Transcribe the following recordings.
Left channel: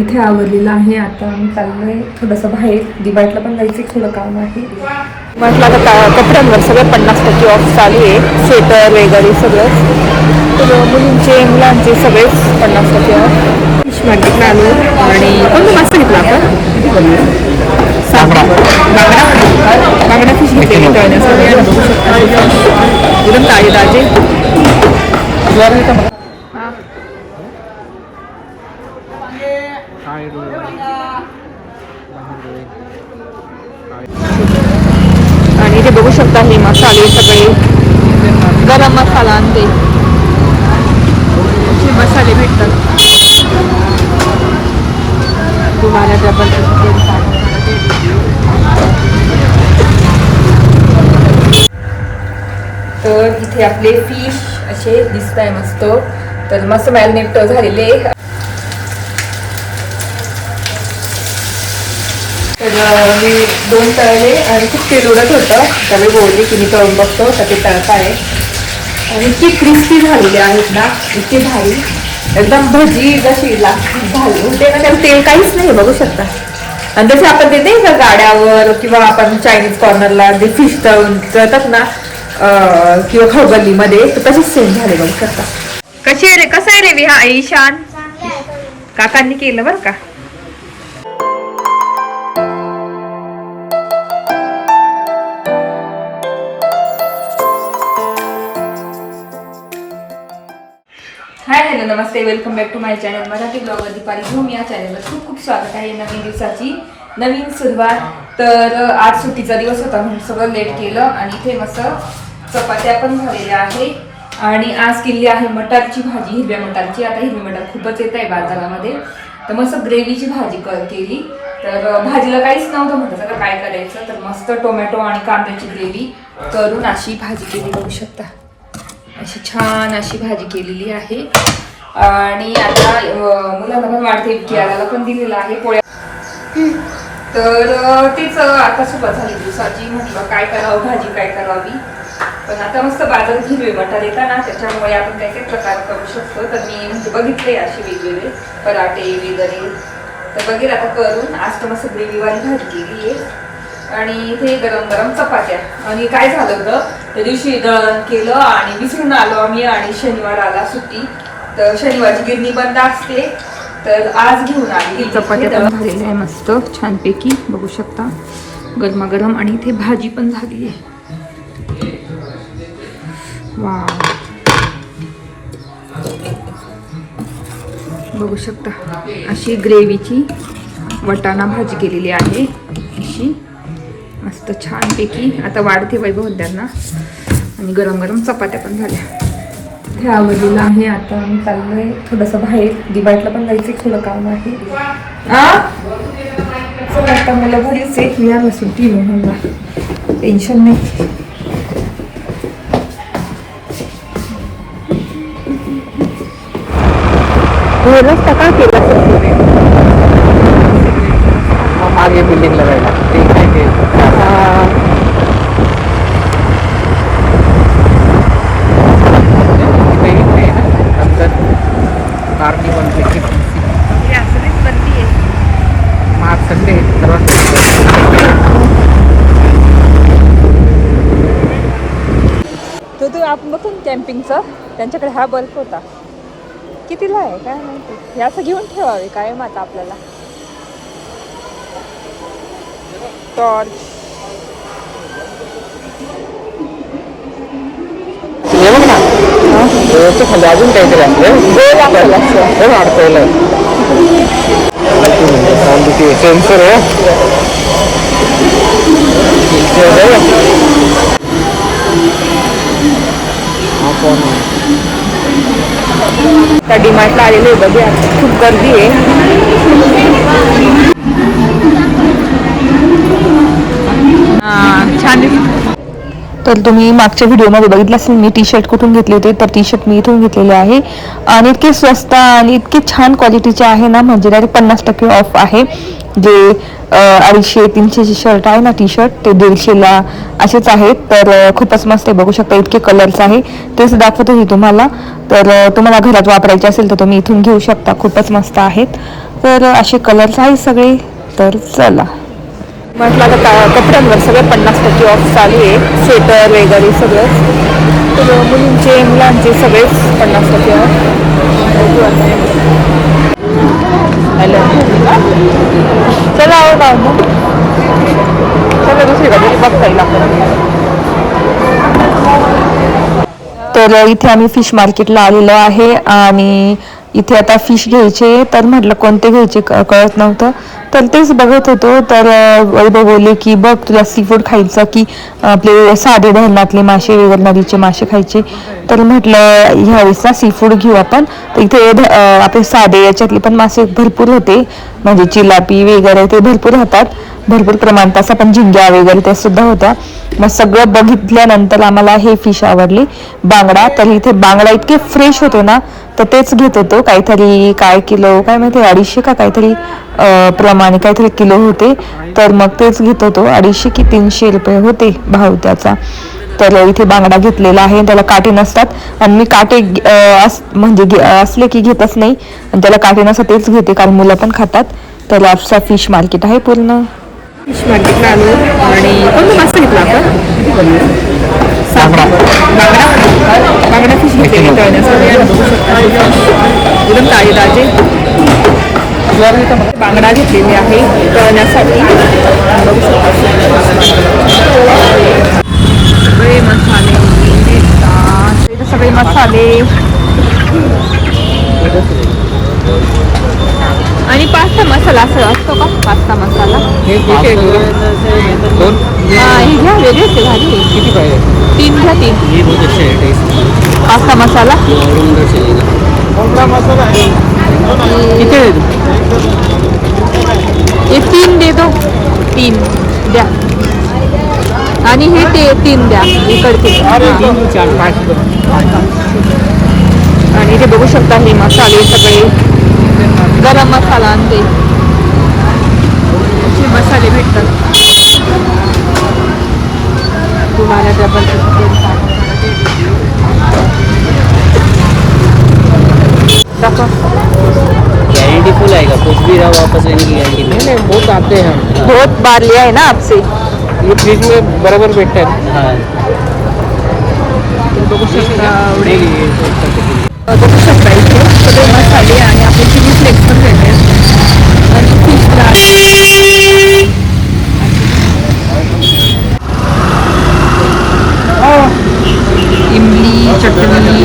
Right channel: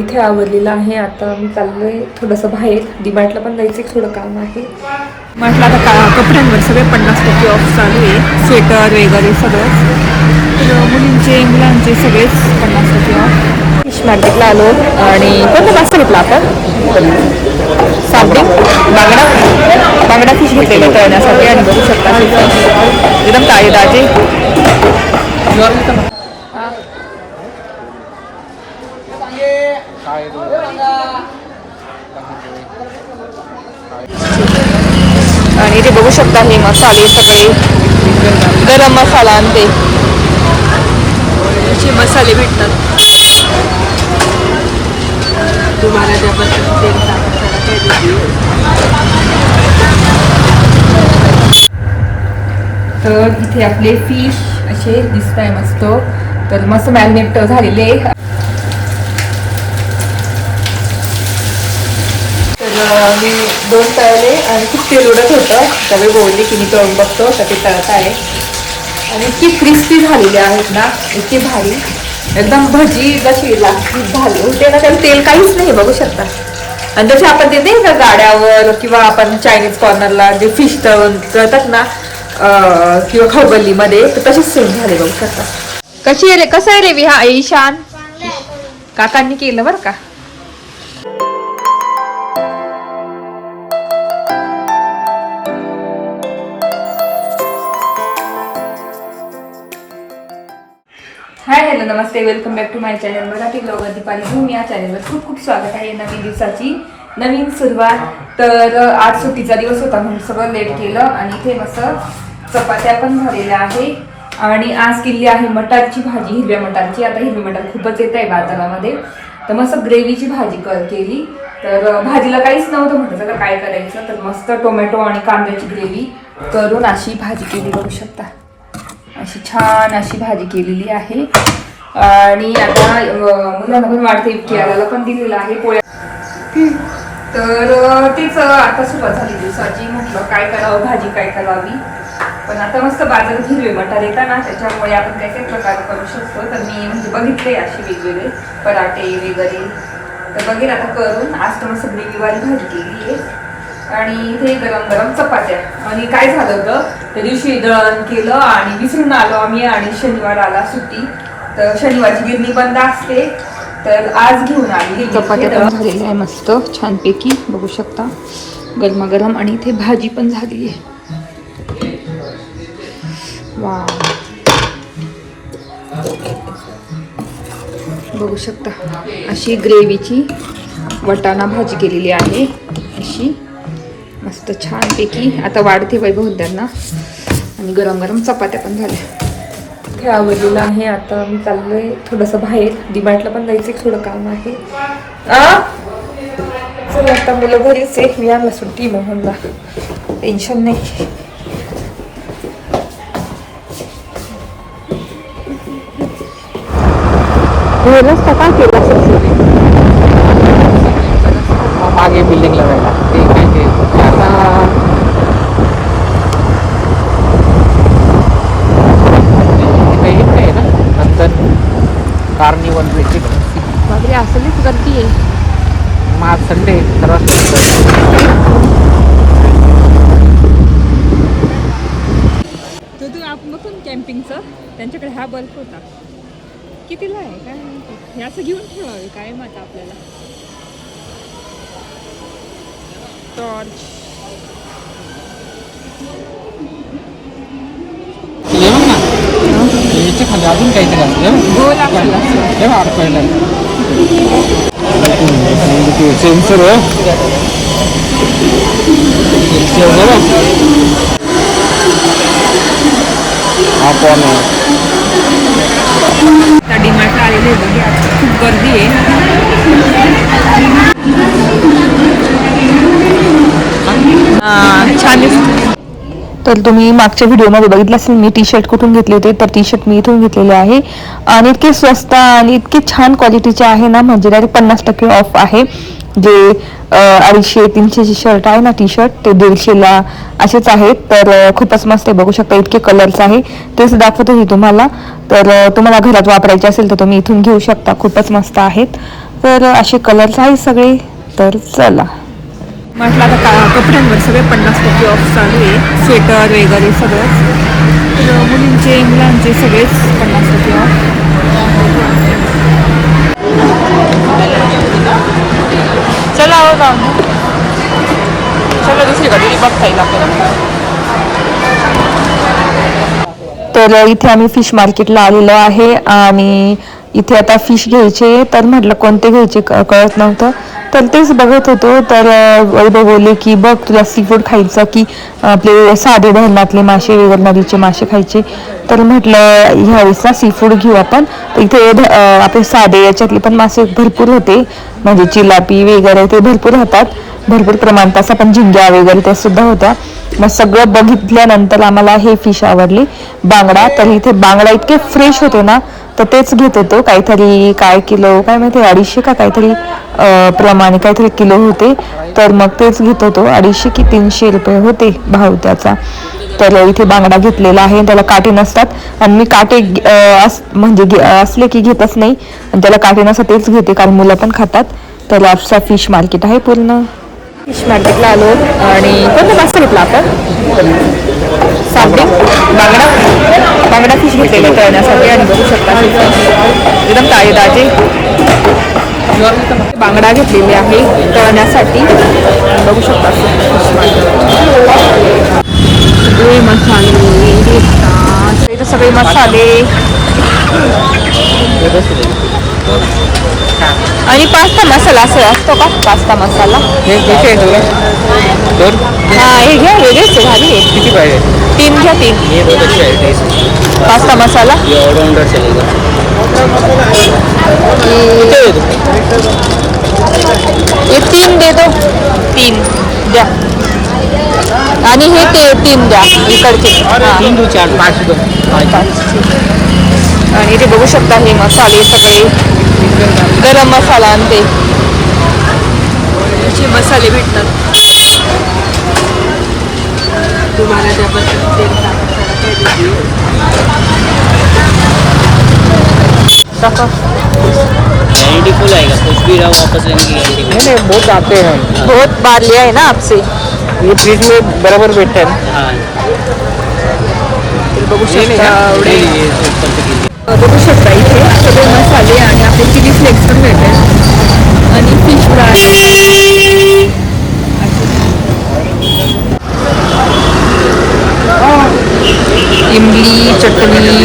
इथे आवरलेलं आहे. आता मी चाललोय थोडंसं बाहेर, दिवाळीला पण जायचं थोडं काम आहे. म्हटलं आता कपड्यांवर सगळं 50% ऑफ चालू आहे, स्वेटर वगैरे सगळंच. तर मुलांचे सगळेच 50% ऑफ. फिश मार्केटला आलो आणि कोणता मासा घेतला आपण? साबे बांगडा फिश घेतलेला तळण्यासाठी आणि बघू शकता एकदम ताजे ताजे. आणि ते बघू शकता हे मसाले सगळे, गरम मसाला आणि ते असे मसाले भेटतात. तर इथे आपले फिश असे दिसत आहे मस्त. तर मस्त मॅरिनेट झालेले. तर मी 2 तळले आणि खूप तेल उडत होतं, त्यावेळी बोलले की मी तळून बघतो तर ते तळत आहे. आणि इतकी क्रिस्पी झालेली आहेत ना, इतके भारी, एकदम भजी जशी लागली झाली होते ना, त्याला तेल काहीच नाही बघू शकता. आणि जसे आपण ते नाही का गाड्यावर किंवा आपण चायनीज कॉर्नरला जे फिश तळतात ना किंवा खवगल्लीमध्ये, तर तसेच सेम झाले बघू शकता. कशी आहे रे, कसं आहे रे विहा ईशान? काकांनी केलं बरं का. हाय हॅलो नमस्ते, welcome back to my channel Marathi blogger Deepali झूम. या चॅनलवर खूप खूप स्वागत आहे. नवीन दिवसाची नवीन सुरुवात. तर आज सुट्टीचा दिवस होता म्हणून सगळं लेट केलं आणि इथे मस्त चपात्या पण झालेल्या आहे. आणि आज केली आहे मटारची भाजी, हिरव्या मटारची. आता हिरवी मटार खूपच येत आहे बाजारामध्ये, तर मस्त ग्रेव्हीची भाजी केली. तर भाजीला काहीच नव्हतं, म्हटलं सगळं काय करायचं, तर मस्त टोमॅटो आणि कांद्याची ग्रेव्ही करून अशी भाजी केली बघू शकता. अशी छान अशी भाजी केलेली आहे. आणि आता मुलांना पण वाढते केळाला पण दिलेलं आहे पोळ्या. तर तेच आता सुरुवात झाली दिवसाची. म्हटलं काय करावं, भाजी काय करावी. पण आता मस्त बाजारात हिरवे मटार येतात ना, त्याच्यामुळे आपण काही काही प्रकार करू शकतो. तर मी म्हणजे बघितले असे वेगवेगळे पराठे वगैरे, तर बघेल आता करून. आज तर मस्त ग्रेव्हीवाली भाजी केली आहे आणि इथे गरम गरम चपात्या. आणि काय झालं होतं, त्या दिवशी दळण केलं आणि विसरून आलो आम्ही, आणि शनिवार आला सुट्टी, तर शनिवारची गिरणी बंद असते, तर आज घेऊन आली. चपात्या पण झालेल्या आहे मस्त छानपैकी बघू शकता, गरमागरम. आणि इथे भाजी पण झाली आहे. वा बघू शकता, अशी ग्रेव्हीची वटाणा भाजी केलेली आहे अशी मस्त छानपैकी. आता वाढते वैभव त्यांना. आणि गरम गरम चपात्या पण झाल्या. इथे आवडलेलं आहे. आता मी चाललोय थोडंसं बाहेर, दिवाळीला पण जायचं थोडं काम आहे. चला आता मुलं घरीच आहे, मी आम्हाला सुट्टी म्हणून ना टेन्शन नाही. रस्ता काय केला मागे बिल्डिंग तो आपण बघतो ना कॅम्पिंगचा, त्यांच्याकडे हा बल्ब होता. कितीला आहे काय माहिती, हे असं घेऊन ठेवावे काय मग आता आपल्याला. टॉर्च बघ ना, खाली अजून काहीतरी सेन्सर त्या डीमार्टला आलेले बघे. आता खूप गर्दी आहे. छान दिसत. तर तुम्ही मागच्या व्हिडिओमध्ये बघितलं असेल मी टी शर्ट कुठून घेतले होते, तर टी शर्ट मी इथून घेतलेले आहे. आणि इतके स्वस्त आणि इतके छान क्वालिटीचे आहे ना, म्हणजे डायरेक्ट 50% ऑफ आहे. जे 250-300चे शर्ट आहे ना, टी शर्ट, ते 150ला असेच आहेत. तर खूपच मस्त आहे बघू शकता. इतके कलर्स आहे, तेच दाखवत होते तुम्हाला. तर तुम्हाला घरात वापरायचे असेल तर तुम्ही इथून घेऊ शकता, खूपच मस्त आहेत. तर असे कलर्स आहे सगळे. तर चला म्हटलं आता कपड्यांवर सगळे 50% ऑफ चालू आहे. स्वेटर वगैरे सगळंच. तर मुलींचे मुलांचे सगळेच 50% ऑफ. बघू आता. चला हो जाऊ चला दुसरीकडे बघता येईल आपल्याला. तर इथे आम्ही फिश मार्केटला आलेलो आहे आणि इथे आता फिश घ्यायचे. तर म्हटलं कोणते घ्यायचे कळत नव्हतं. तर तेच बघत होतो. तर वैभव बोलले की बघ तुला सी फूड खायचं की आपले साधे धरणातले मासे वगैरे नदीचे मासे खायचे. तर म्हटलं ह्यावेळेस सी फूड घेऊ आपण. तर इथे आपले साधे याच्यातले पण मासे भरपूर होते. म्हणजे चिलापी वगैरे ते भरपूर राहतात. भरपूर प्रमाणात असं पण झिंग्या वगैरे त्या सुद्धा होत्या. मग सगळं बघितल्यानंतर आम्हाला हे फिश आवडली बांगडा. तर इथे बांगडा इतके फ्रेश होते ना. तर तेच घेत होतो. काहीतरी काय किलो काय माहिती 250 का काहीतरी प्रमाणे काहीतरी किलो होते. तर मग तेच घेत होतो. 250 की 300 रुपये होते भाव त्याचा. तर इथे बांगडा घेतलेला आहे. त्याला काटे नसतात आणि मी काटे म्हणजे असले की घेतच नाही. आणि त्याला काटे नसतात तेच घेते कारण मुलं पण खातात. तर असा फिश मार्केट आहे पूर्ण. फिश मार्केटला आलो आणि कोणता मासा घेतला आपण? साबे बांगडा फिश घेतलेला तळण्यासाठी. आणि बघू शकता एकदम ताजे ताजे बांगडा घेतलेले आहे तळण्यासाठी. बघू शकता फिश मार्केट. इथं सगळे मसाले आणि पास्ता मसाला असं असतो का? पास्ता मसाला हाँ ये घ्या वेगळेच भारी आहे. किती पाहिजे? 3 घ्या 3. ये बहुत अच्छा है टेस्ट. पास्ता मसाला ये ऑलराउंडर चलेगा. ये 3 दे दो. 3 द्या. आणि हे 3 द्या इकडचे. आणि इथे बघू शकता हे मसाले सगळे गरम मसाला आणि ते असे मसाले भेटतात. तुम्हाला फुल आएगा कुछ भी रहा वापस लेने की गारंटी नहीं. बहुत आते हैं. बहुत बार लिया है ना आपसे. ये फ्रिज में बराबर बैठता है. हाँ बघू शकता एवढे बघू शकता इथे सगळे मसाले आणि आपले चिली फ्लेक्स पण भेटेल आणि फिश फ्राय. इमली चटणी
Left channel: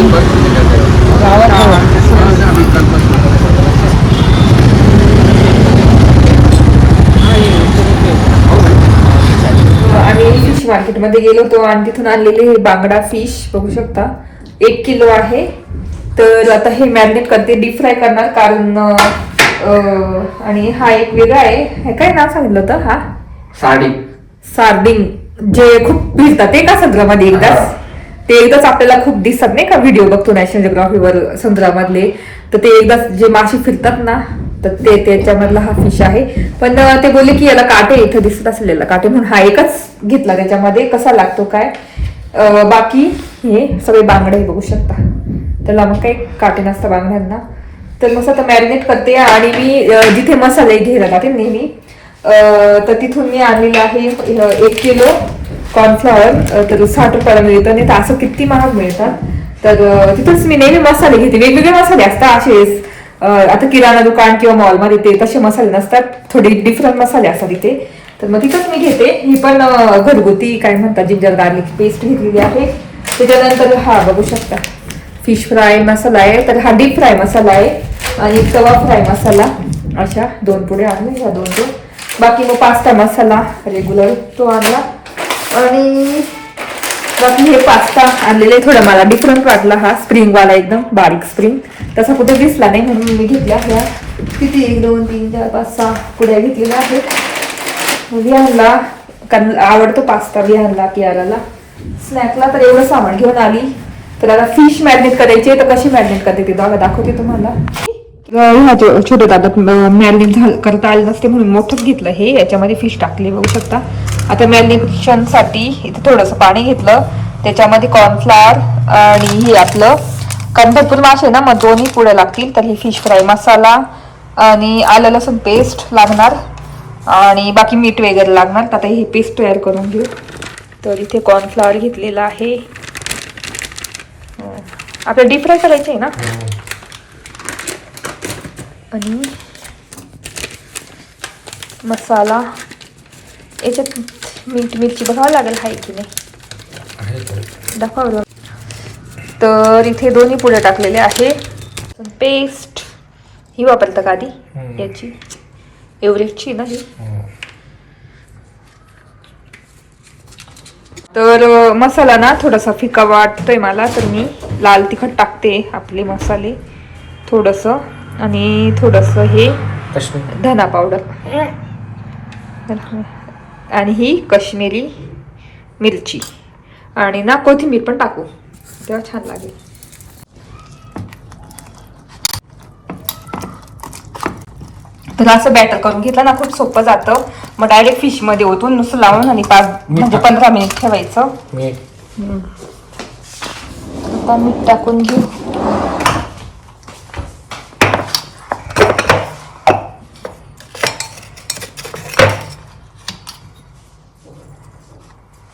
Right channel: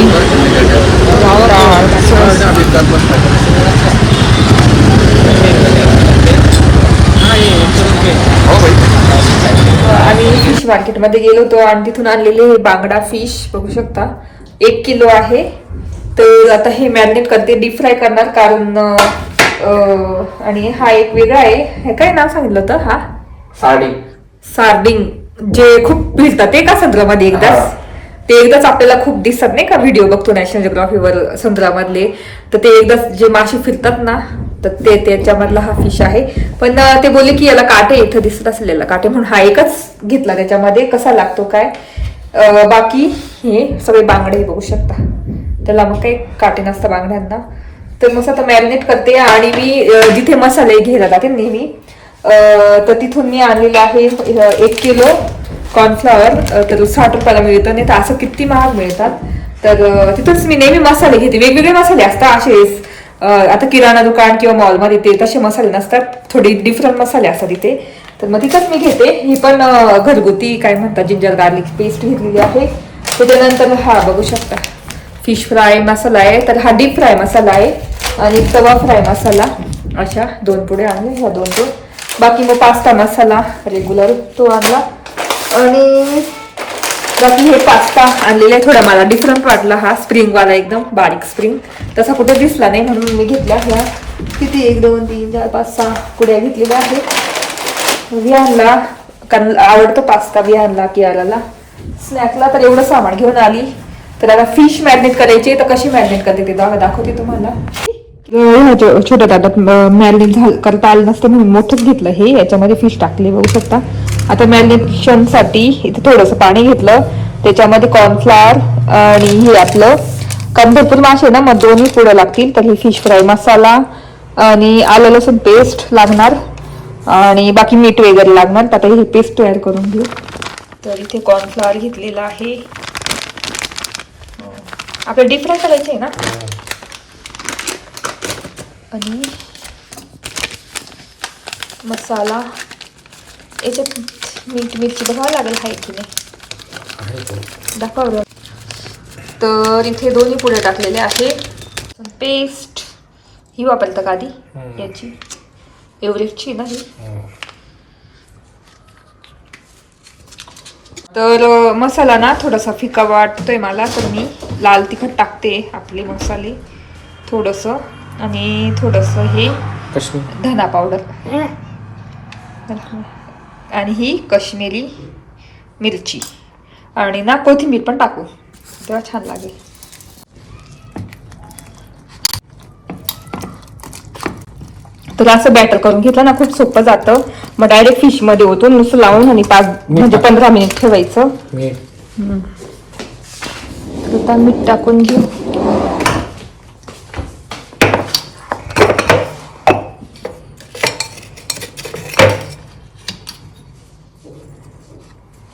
आम्ही फिश मार्केटमध्ये गेलो होतो आणि तिथून आणलेले बांगडा फिश बघू शकता 1 किलो आहे. तर आता हे मॅरिनेट करते डीप फ्राय करणार कारण आणि हा एक वेगळा आहे. हे काय नाव सांगितलं होतं? हा सार्डिंग जे खूप फिरतात ते का समुद्रामध्ये एकदाच ते एकदाच आपल्याला खूप दिसतात नाही का व्हिडिओ बघतो नॅशनल जिओग्राफीवर समुद्रामधले. तर ते एकदाच जे मासे फिरतात ना तर ते त्याच्यामधला हा फिश आहे. पण ते बोलले की याला काटे इथं दिसत असेल याला काटे म्हणून हा एकच घेतला त्याच्यामध्ये. कसा लागतो काय बाकी हे सगळे बांगडे बघू शकता. त्याला मग काही काटे नसतं बांगड्यांना. तर मस्त आता मॅरिनेट करते आणि मी जिथे मसाले घ्यायला जाते नेहमी तर तिथून मी आणलेला आहे 1 किलो कॉर्नफ्लॉवर. तर 60 रुपयाला मिळतं. नाही तर असं किती महाग मिळतात. तर तिथंच मी नेहमी मसाले घेते. वेगवेगळे मसाले असतात असे. आता किराणा दुकान किंवा मॉलमध्ये ते तसे मसाले नसतात. थोडे डिफरंट मसाले असतात तिथे. तर मग तिथंच मी घेते. ही पण घरगुती काय म्हणतात जिंजर गार्लिक पेस्ट घेतलेली आहे. त्याच्यानंतर हा बघू शकता फिश फ्राय मसाला आहे. तर हा डीप फ्राय मसाला आहे आणि तवा फ्राय मसाला अशा 2 पुढे आणले. ह्या 2 बाकी मग पास्ता मसाला रेग्युलर तो आणला. आणि बाकी हे पास्ता आणलेले थोडा मला डिफरंट वाटला. हा स्प्रिंगवाला एकदम बारीक स्प्रिंग तसा कुठे दिसला नाही म्हणून मी घेतला. ह्या किती 1 2 3 4 5 6 पुढ्या घेतलेल्या आहेत. विहानला कारण आवडतो पास्ता विहानला कियाराला स्नॅकला. तर एवढं सामान घेऊन आली. तर आता फिश मॅरिनेट करायची. तर कशी मॅरिनेट करते ते दाखवते तुम्हाला. छोट्या ताटात मॅरिनेट करता आलं नसते म्हणून मोठंच घेतलं हे. याच्यामध्ये फिश टाकले बघू शकता. आता मॅरिनेशन साठी इथे थोडंसं पाणी घेतलं. त्याच्यामध्ये कॉर्नफ्लॉवर आणि हे आपलं कारण भरपूर मासे ना मग 2 पुढे लागतील. तर हे फिश फ्राय मसाला आणि आलं लसूण पेस्ट लागणार आणि बाकी मीठ वगैरे लागणार. तर आता हे पेस्ट तयार करून घेऊ. तर इथे कॉर्नफ्लॉवर घेतलेला आहे. आपल्याला डीप फ्राय करायचे आहे ना. आणि मसाला याच्यात मीठ मिरची बघावं लागेल आहे की नाही दाखवा. तर इथे दोन्ही पुढे टाकलेले आहे. पेस्ट ही वापरता का आधी याची एव्हरेजची ना ही. तर मसाला ना थोडासा फिका वाटतोय मला, तर मी लाल तिखट टाकते आपले मसाले थोडंसं आणि थोडंसं हे धना पावडर आणि ही काश्मीरी मिरची आणि ना कोथिंबीर पण टाकू तेव्हा छान लागेल. तर असं बॅटर करून घेतलं ना खूप सोपं जातं. मग डायरेक्ट फिश मध्ये ओतून नुसतं लावून आणि 15 मिनिट ठेवायचं. आता मीठ टाकून घेऊ.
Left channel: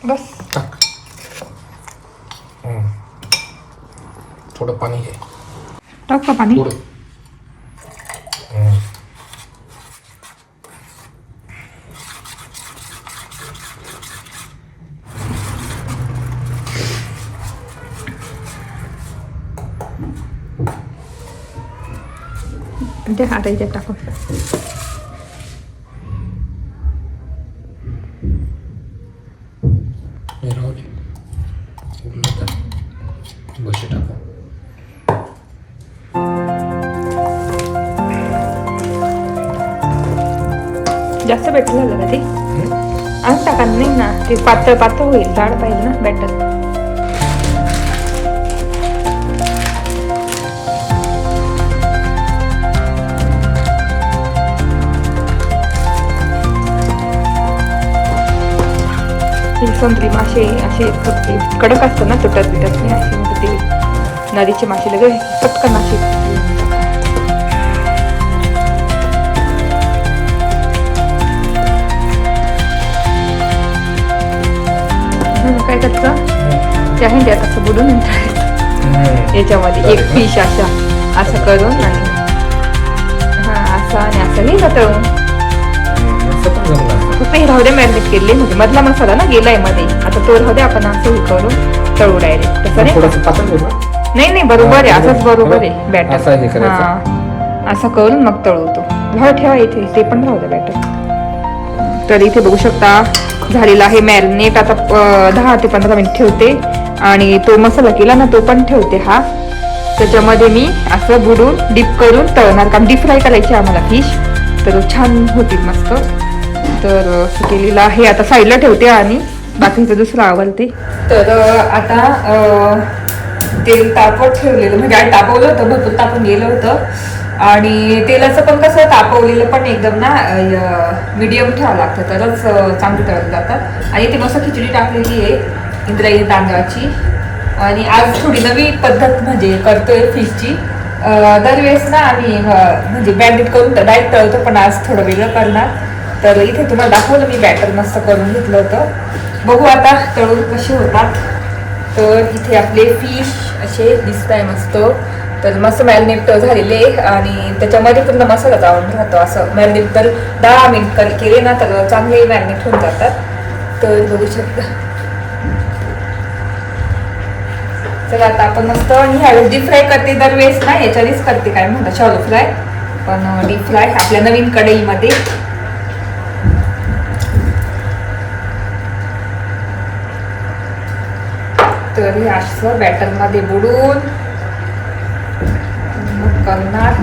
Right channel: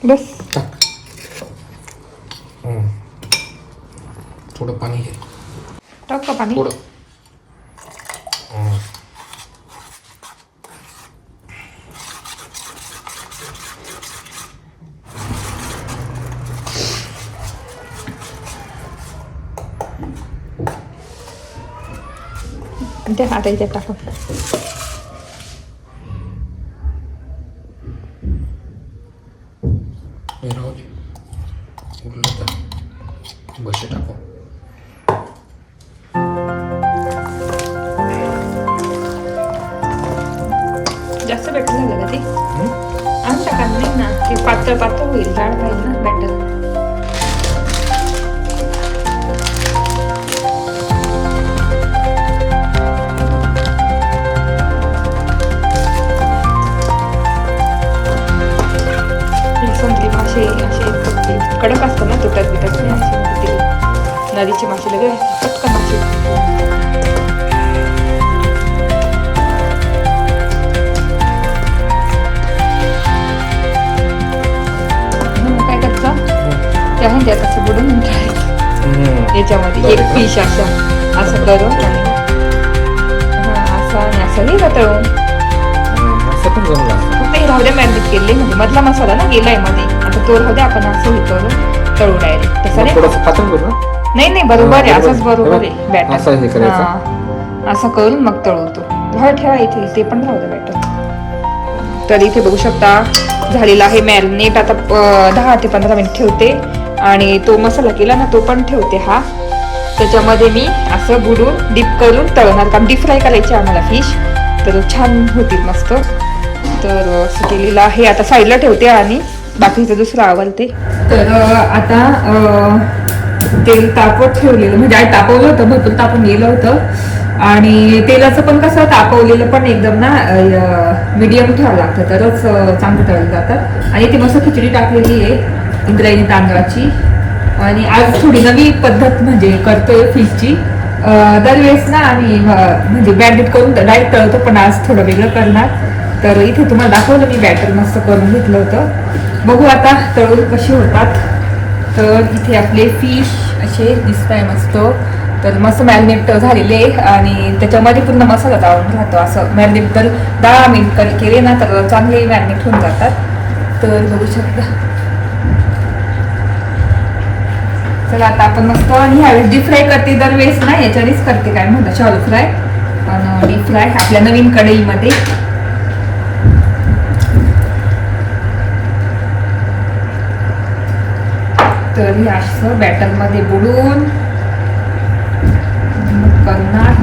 बस थोडं पाणी घे. टाक का पाणी. ते आता इथे टाकून बशी टाकू. जास्त बॅटर झालं का ते आणि टाका नाही ना. ते पातळ पातळ होईल. जाड पाहिजे ना बॅटर. संत्री मासे असे फक्त कडक असतं ना तुटत बिटत नाही असे. म्हणजे ते नदीचे मासे लगेच पटकन मासे. काय करतं त्या ह्याच्यात असं बुडून याच्यामध्ये एक फिश असं करून आणि असं आणि असंही जातं. फक्त हे राहू द्या मॅरिनेट केले म्हणजे मधला मसाला ना गेलाय मध्ये. आता तो राहू द्या आपण असं हे करून तळू डायरेक्ट. तसं नाही नाही बरोबर आहे. असंच बरोबर आहे बॅटर. असं करून मग तळवतो. राहू ठेवा इथे ते पण राहू द्या बॅटर. तर इथे बघू शकता झालेला आहे मॅरिनेट. आता 10 ते 15 मिनिट ठेवते आणि तो मसाला केला ना तो पण ठेवते. हा त्याच्यामध्ये मी असं बुडून डीप करून तळणार. कारण डीप फ्राय करायची आम्हाला फिश. तर छान होतील मस्त. तर असं केलेलं आहे. आता साईडला ठेवते आणि बाकीचं दुसरं आवडते. तर आता तेल तापवत ठेवलेलं म्हणजे आधी तापवलं होतं. भरपूर तापून गेलं होतं आणि तेलाचं पण कसं तापवलेलं पण एकदम ना मीडियम ठेवावं लागतं तरच चांगलं तळलं जातं. आणि ते मस्त खिचडी टाकलेली आहे इंद्रायणी तांदळाची. आणि आज थोडी नवी पद्धत म्हणजे करतोय फिशची. दरवेळेस ना आम्ही म्हणजे बॅटर करून डायरेक्ट तळतो पण आज थोडं वेगळं करणार. तर इथे तुम्हाला दाखवलं मी बॅटर मस्त करून घेतलं होतं. बघू आता तळून कशी होतात. तर इथे आपले फिश असे दिसत आहे मस्त. तर मस्त मॅरिनेट झालेले आणि त्याच्यामध्ये पूर्ण मसाला जाऊन राहतो. असं मॅरिनेट तर 10 मिनिट केले ना तर चांगले मॅरिनेट होऊन जातात. तर बघू शकता. चला आता आपण मस्त ह्यावेळेस डीप फ्राय करते. दरवेळेस ना याच्यानेच करते काय म्हणतात शॉलो फ्राय. पण डीप फ्राय आपल्या नवीन कढईमध्ये. तर हे असं बॅटरमध्ये बुडून करणार.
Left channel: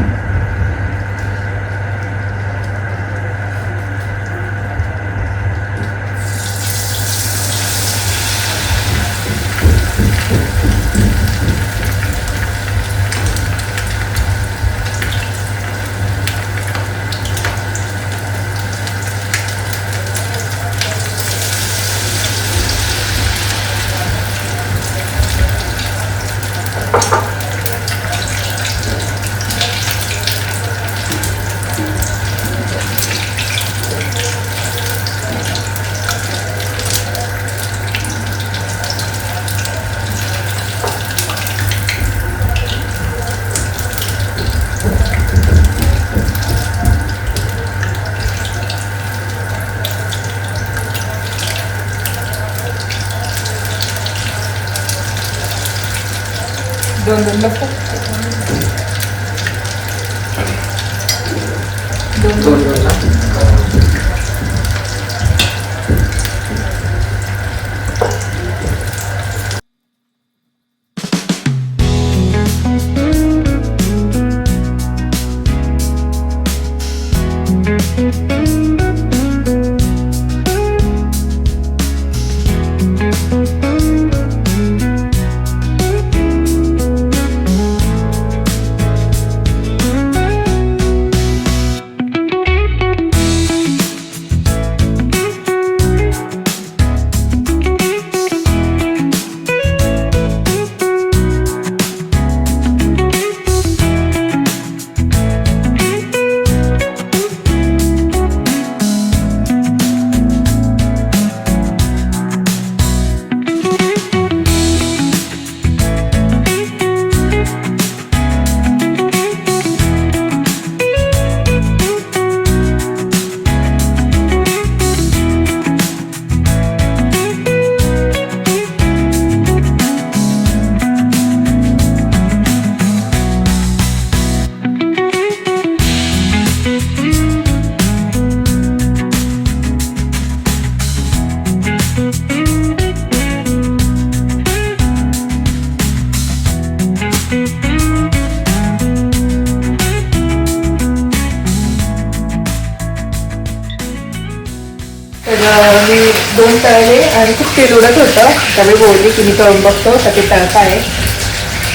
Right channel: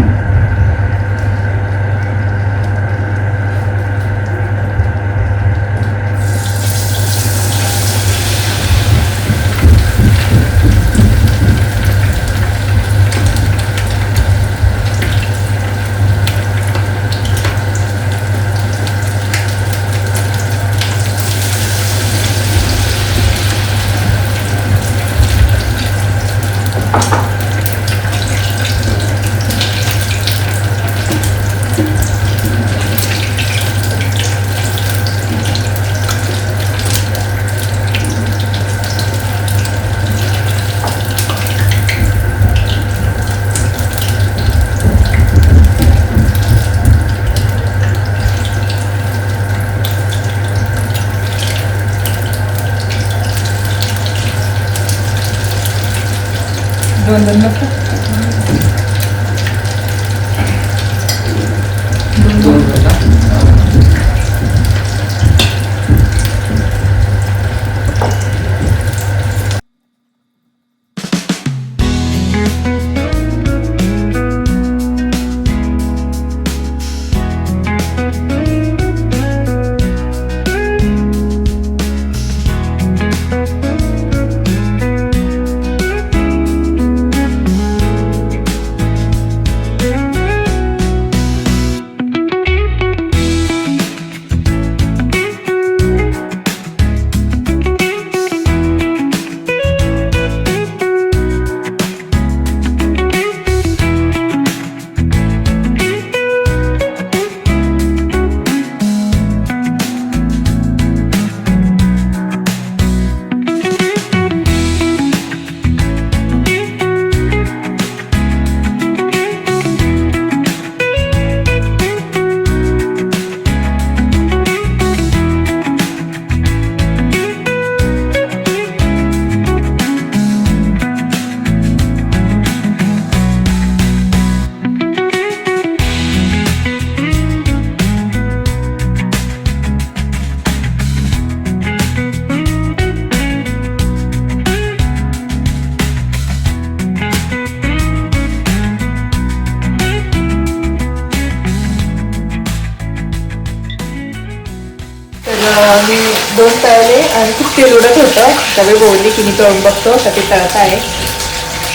मी 2 तळले आणि खूप तेल उडत होतं. त्यावेळी बोलले की मी तळून बघतो तर ते तळत आहे.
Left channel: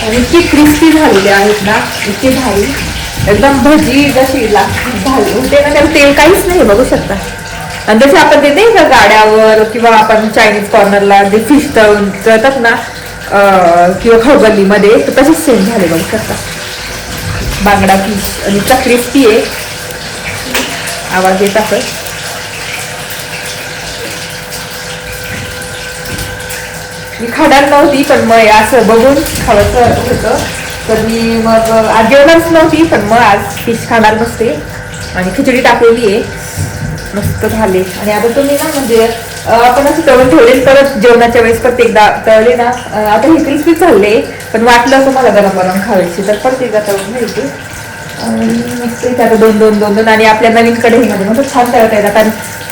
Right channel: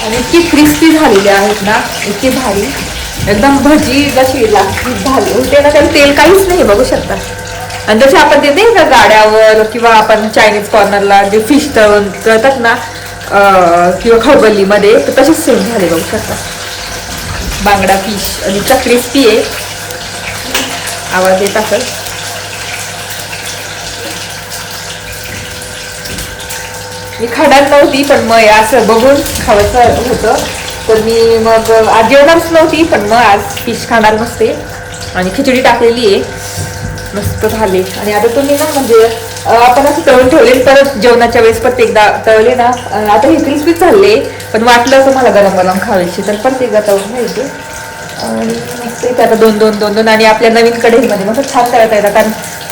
आणि इतकी क्रिस्पी झालेली आहेत ना, इतकी भारी, एकदम भजी जशी झाली होते ना, त्याला तेल काहीच नाही बघू शकता. आणि जसे आपण ते नाही का गाड्यावर किंवा आपण चायनीज कॉर्नरला जे फिश तळून तळतात ना किंवा खवबल्लीमध्ये, तर तसेच सेम झाले बघू शकता. बांगडा फिश आणि इतका क्रिस्पी आहे, आवाज येत असेल. मी खाणार नव्हती पण मग असं बघून खावंसं होतं, तर मी मग आज जेवणारच नव्हती, पण मग आज फिश खाणार नसते आणि खिचडी टाकलेली आहे. मस्त झाले. आणि आता तुम्ही ना म्हणजे आपण असं तळून ठेवले, परत जेवणाच्या वेळेस परत एकदा तळले ना, आता हे क्रिस्पीच झाले, पण वाटलं तुम्हाला गरम गरम खावायची तर परत एकदा तळून घ्यायचे. आणि मस्त इथे आता 2-2 आणि आपल्या नवीन कढईमध्ये मस्त छान तळता येतात. कारण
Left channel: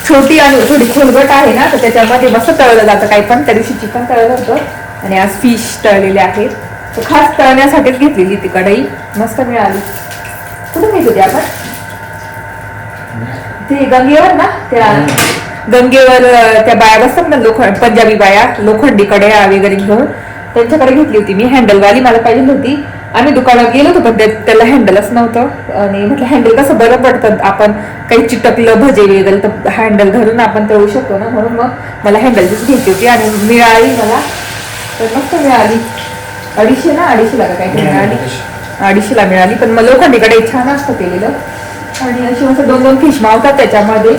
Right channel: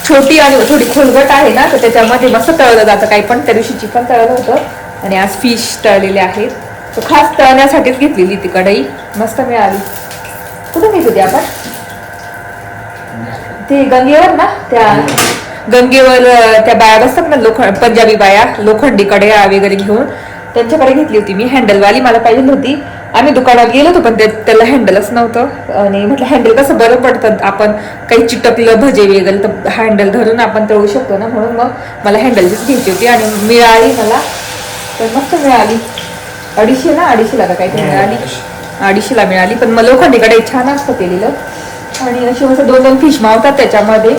छोटी आणि थोडी खोलगट आहे ना, तर त्याच्यामध्ये मस्त तळलं जातं. काही पण त्या दिवशी चिकन तळलं होतं आणि आज फिश तळलेले आहेत. तर खास तळण्यासाठीच घेतलेली ती कढई, मस्त मिळाली. कुठे घेत होती आपण? ते गंगेवर ना, त्या गंगेवर त्या बाया बसतात ना, पंजाबी बाया, लोखंडी कढया वगैरे घेऊन, त्यांच्याकडे घेतली होती मी. हँडलवाली मला पाहिजे होती. आम्ही दुकानात गेलो होतो पण त्याला हँडलच नव्हतं. आणि म्हटलं हँडल कसं बरं पडतं, आपण काही चिटकलं भजे वगैरे तर हँडल धरून आपण तळू शकतो ना, म्हणून मग मला हँडलचीच घ्यायची होती. आणि मिळाली मला, तर मस्त मिळाली. 250 का काहीतरी मिळाली, 250 मिळाली. पण मग लोखंडीकडे छान असतं केलेलं. आणि अशी मस्त 2-2 फिश मावतात त्याच्यामध्ये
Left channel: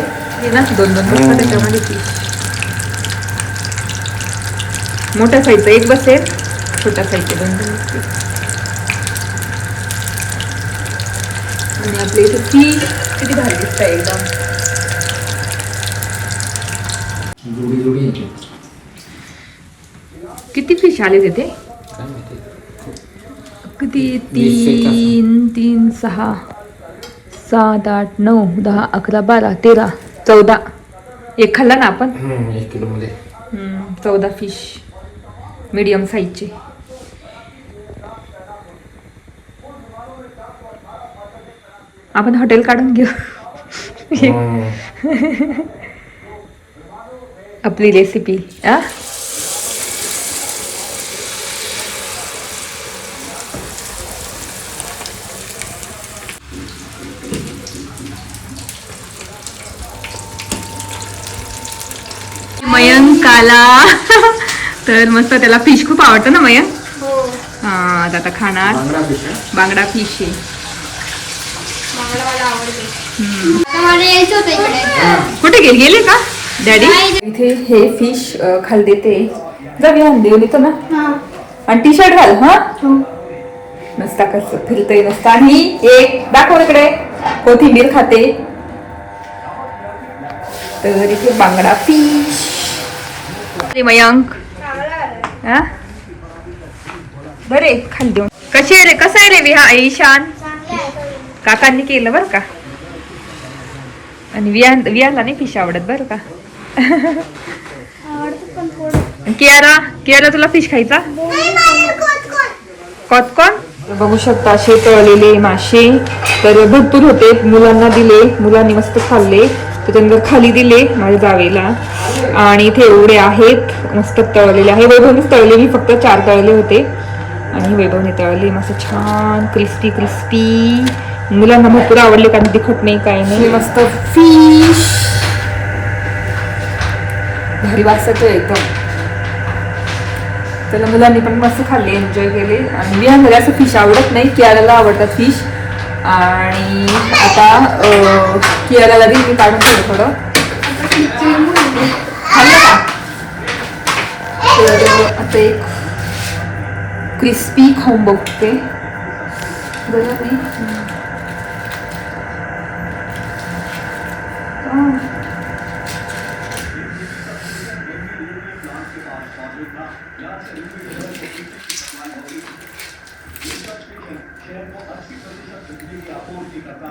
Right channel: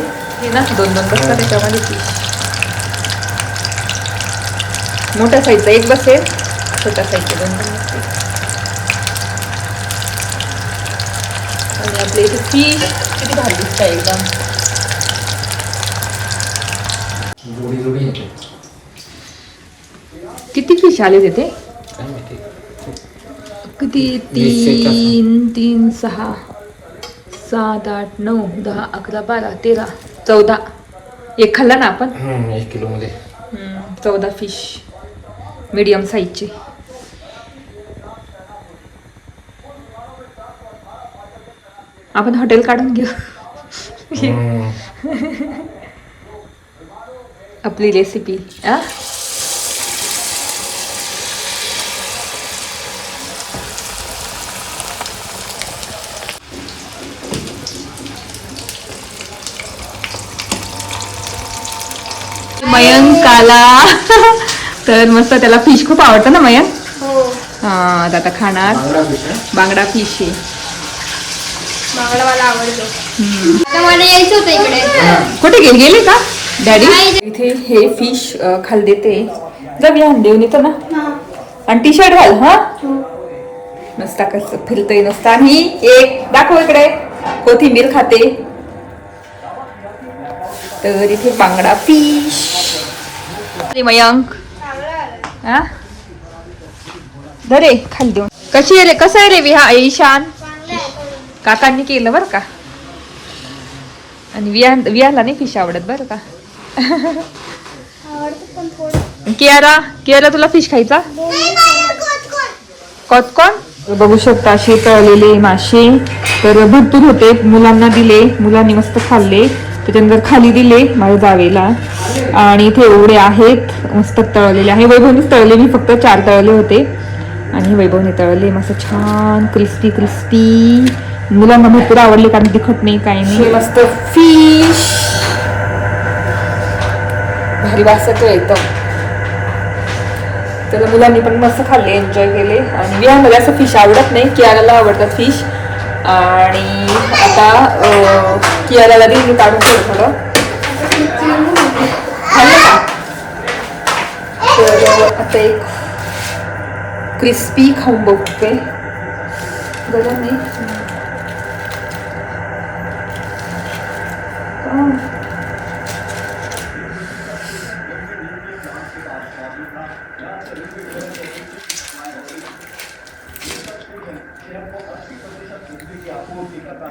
ना, 2-2 बसतात त्याच्यामध्ये फिश. मोठ्या साईजचा एक बसेल, छोट्या साईजचे 2-2 बसतील. आणि आपल्या इथे फिश किती भारी दिसत आहे एकदम. जोडी किती फिश आले तिथे? किती? 3, 6, 7, 8, 9, 10, 11, 12, 13, 14. एक खाल्ला ना आपण. 1 किलो मध्ये 14 फिश मीडियम साईजचे. आपण हॉटेल काढून घेऊ. आपली रेसिपी. मयंक आला. तर मस्त, त्याला फिश खूप आवडतं ना मयंक? हा, आता खाणार बांगडा फिश आहे. बांगडा मला आवडतो. मला यायचं होतं इकडे. कुठे गेले का डॅडी? इथे हे फिश खाली देते. जर मी देऊन येतो ना. आणि टी शर्ट घाल. हा, नुसता कसं फिरतोय नुसता. आणि एक दाखव इकडे, कोथिंबीर खाते. तर इथे बांगडा फिश. मयंक बरे खाली देऊन. कशी आहे रे, कसं आहे रे ईशान? काकांनी केलं बरं का. आणि वियाला नाही फिश आवडत बरं का. कियारा तुला फिश खायचा? कॉटकॉन. बघू शकता असे तळलेले मासे तर भरपूर होते. मुलांना दिले, मुलांनी मस्त खाल्ले. त्याच्यानंतर खाली दिले माझ्या जावेला. आणि इथे एवढे आहेत मस्त तळलेले आहे. वैभवनीच तळले, मी फक्त 4 तळले होते आणि वैभवने तळले मस्त छान क्रिस्पी क्रिस्पी. मुलांना भरपूर आवडले कारण तिखट नाही काही नाही. मस्त फिश भारी वास येतोय एकदम. त्याला मुलांनी पण मस्त खाल्ले, एन्जॉय केले. आणि विहामध्ये असं फिश आवडत नाही, कियाराला आवडतात फिश. आणि आता कियाराला देईल मी काढून थोडं खाल्लं का. तर आता एक क्रिस्पी खाऊन बघते. बरं नाही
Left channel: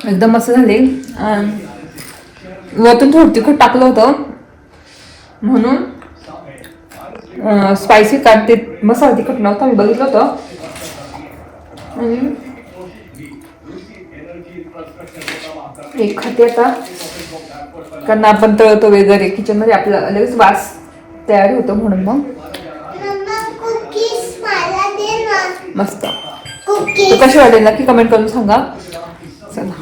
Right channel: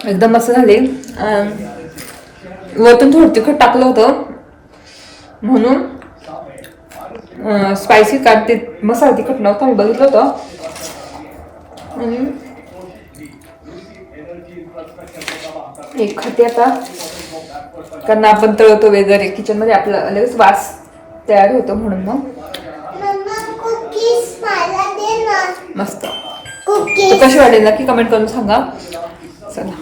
एकदम मस्त झाले. वरतून थोडं तिखट टाकलं होतं म्हणून स्पायसी, कारण ते मसाला तिखट नव्हता, मी बघितलं होतं. आणि एक खाते आता. कारण आपण तळतो वगैरे किचनमध्ये आपला लगेच वास तयार होतो म्हणून मग मस्त. तर कशी वाटेल नक्की कमेंट करून सांगा. चला